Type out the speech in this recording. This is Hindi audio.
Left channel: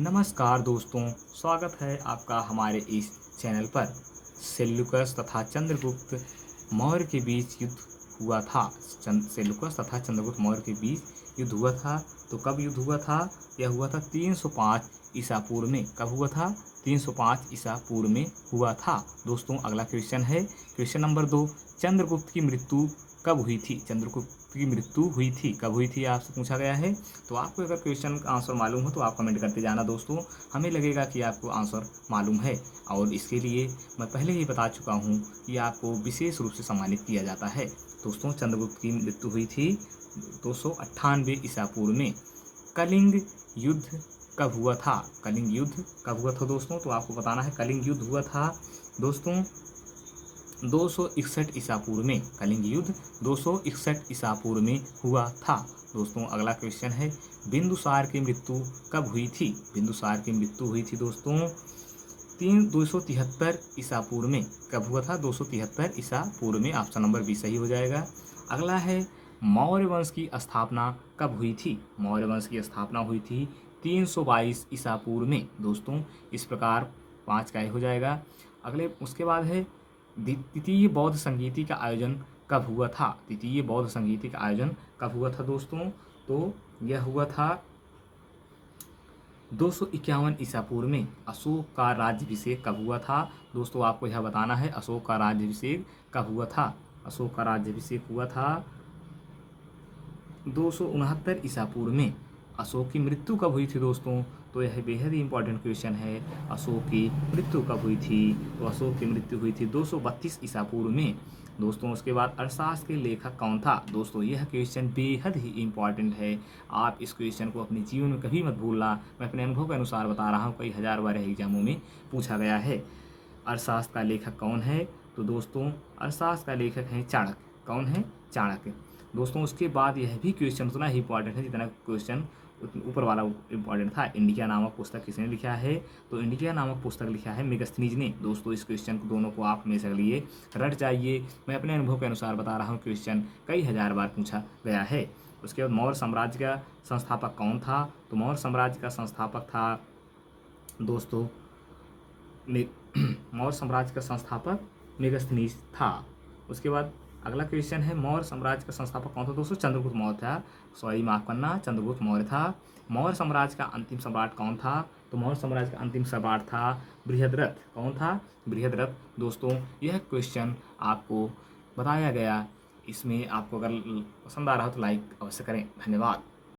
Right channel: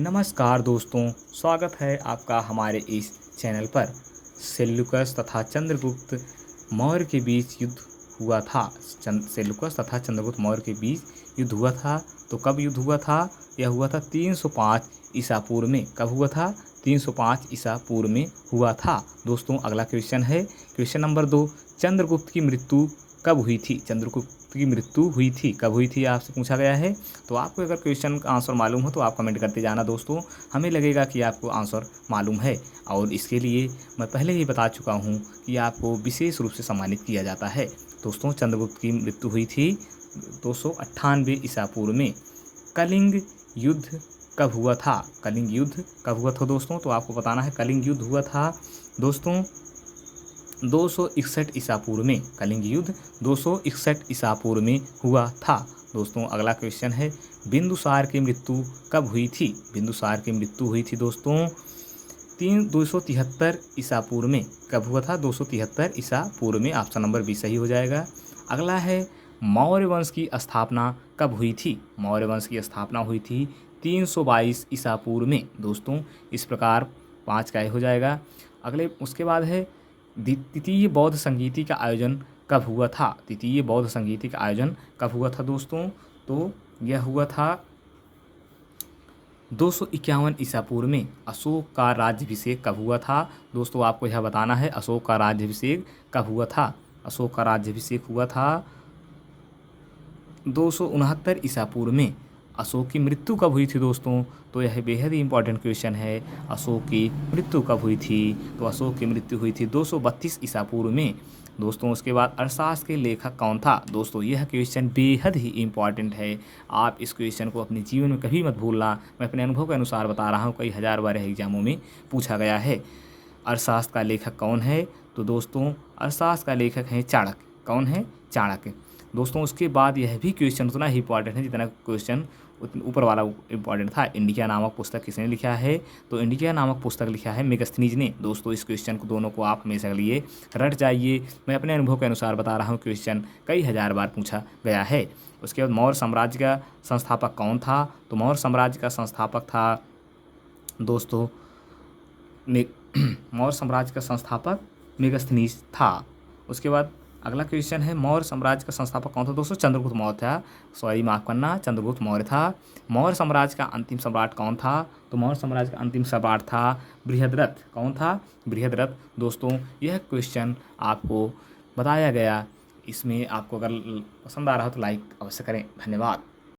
नमस्कार दोस्तों, स्वागत है आपका हमारे इस चैनल पर। सेल्यूकस तथा चंद्रगुप्त मौर्य के बीच युद्ध हुआ था। सेल्यूकस तथा चंद्रगुप्त मौर्य के बीच युद्ध हुआ था। तो कब युद्ध हुआ था? यह हुआ था 305 ईसा पूर्व में। कब हुआ था? 305 ईसा पूर्व में हुआ था। दोस्तों, अगला क्वेश्चन है क्वेश्चन नंबर 2। चंद्रगुप्त की मृत्यु कब हुई थी? चंद्रगुप्त की मृत्यु हुई थी कब हुई थी, आपसे पूछा गया है। तो आपको अगर क्वेश्चन का आंसर मालूम हो तो आप कमेंट करते जाना दोस्तों। हमें लगेगा कि आपको आंसर मालूम है, और इसके लिए मैं पहले ही बता चुका हूँ कि आपको विशेष रूप से सम्मानित किया जाता है। दोस्तों, चंद्रगुप्त की मृत्यु हुई थी 298 ईसा पूर्व में। कलिंग युद्ध कब हुआ था? कलिंग युद्ध कब हुआ था दोस्तों? तो आपको बताना है। कलिंग युद्ध हुआ था दोस्तों 261 ईसा पूर्व में। कलिंग युद्ध 261 ईसा पूर्व में हुआ था। दोस्तों, अगला क्वेश्चन है बिंदुसार की मृत्यु कब हुई थी? बिंदुसार की मृत्यु हुई थी दोस्तों 273 ईसा पूर्व में। कब हुआ था? 273 ईसा पूर्व में। ऑप्शन नंबर बी सही हो जाएगा। अगला है मौर्य वंश की स्थापना कब हुई थी? मौर्य वंश की स्थापना हुई थी 322 ईसा पूर्व में। दोस्तों, इस प्रकार 5 का हो जाएगा। अगले उसके बाद है द्वितीय बौद्ध संगीति का आयोजन कब हुआ था? द्वितीय बौद्ध संगीति का आयोजन कब हुआ था दोस्तों? तो यह हुआ था 251 ईसा पूर्व में। अशोक का राज्याभिषेक कब हुआ था? दोस्तों, आपको यह बताना है अशोक का राज्याभिषेक कब हुआ था। अशोक का राज्याभिषेक हुआ था 269 ईसा पूर्व में। अशोक की मृत्यु कब हुई थी दोस्तों? तो यह बेहद ही इंपॉर्टेंट क्वेश्चन है। अशोक की मृत्यु कब हुई थी? तो अशोक की मृत्यु हुई थी 232 ईसा पूर्व में। दोस्तों, उसके बाद अर्थशास्त्र के लेखक कौन था? दोस्तों, यह क्वेश्चन बेहद ही इंपॉर्टेंट है। आप इस क्वेश्चन को अपने जीवन में कभी मत भूलना। मैं अपने अनुभव के अनुसार बता रहा हूँ, कई हज़ार बार एग्जामों में पूछा गया है। अर्थशास्त्र का लेखक कौन है? तो दोस्तों, अर्थशास्त्र का लेखक है चाणक्य। कौन है? चाणक्य। दोस्तों, उसके बाद यह भी क्वेश्चन उतना ही इंपॉर्टेंट है जितना क्वेश्चन ऊपर वाला इंपॉर्टेंट था। इंडिया नामक पुस्तक किसने लिखा है? तो इंडिया नामक पुस्तक लिखा है मेगस्थनीज ने। दोस्तों, इस क्वेश्चन को दोनों को आप हमेशा के लिए रट जाइए। मैं अपने अनुभव के अनुसार बता रहा हूँ, क्वेश्चन कई हज़ार बार पूछा गया है। उसके बाद मौर्य साम्राज्य का संस्थापक कौन था? तो मौर्य साम्राज्य का संस्थापक था दोस्तों मौर्य साम्राज्य का संस्थापक मेगस्थनीज था। उसके बाद अगला क्वेश्चन है मौर्य साम्राज्य का संस्थापक कौन था दोस्तों? चंद्रगुप्त मौर्य था। सॉरी, माफ करना, चंद्रगुप्त मौर्य था। मौर्य साम्राज्य का अंतिम सम्राट कौन था? तो मौर्य साम्राज्य का अंतिम सम्राट था बृहद्रथ। कौन था? बृहद्रथ। दोस्तों, यह क्वेश्चन आपको बताया गया। इसमें आपको अगर पसंद आ रहा हो तो लाइक अवश्य करें। धन्यवाद।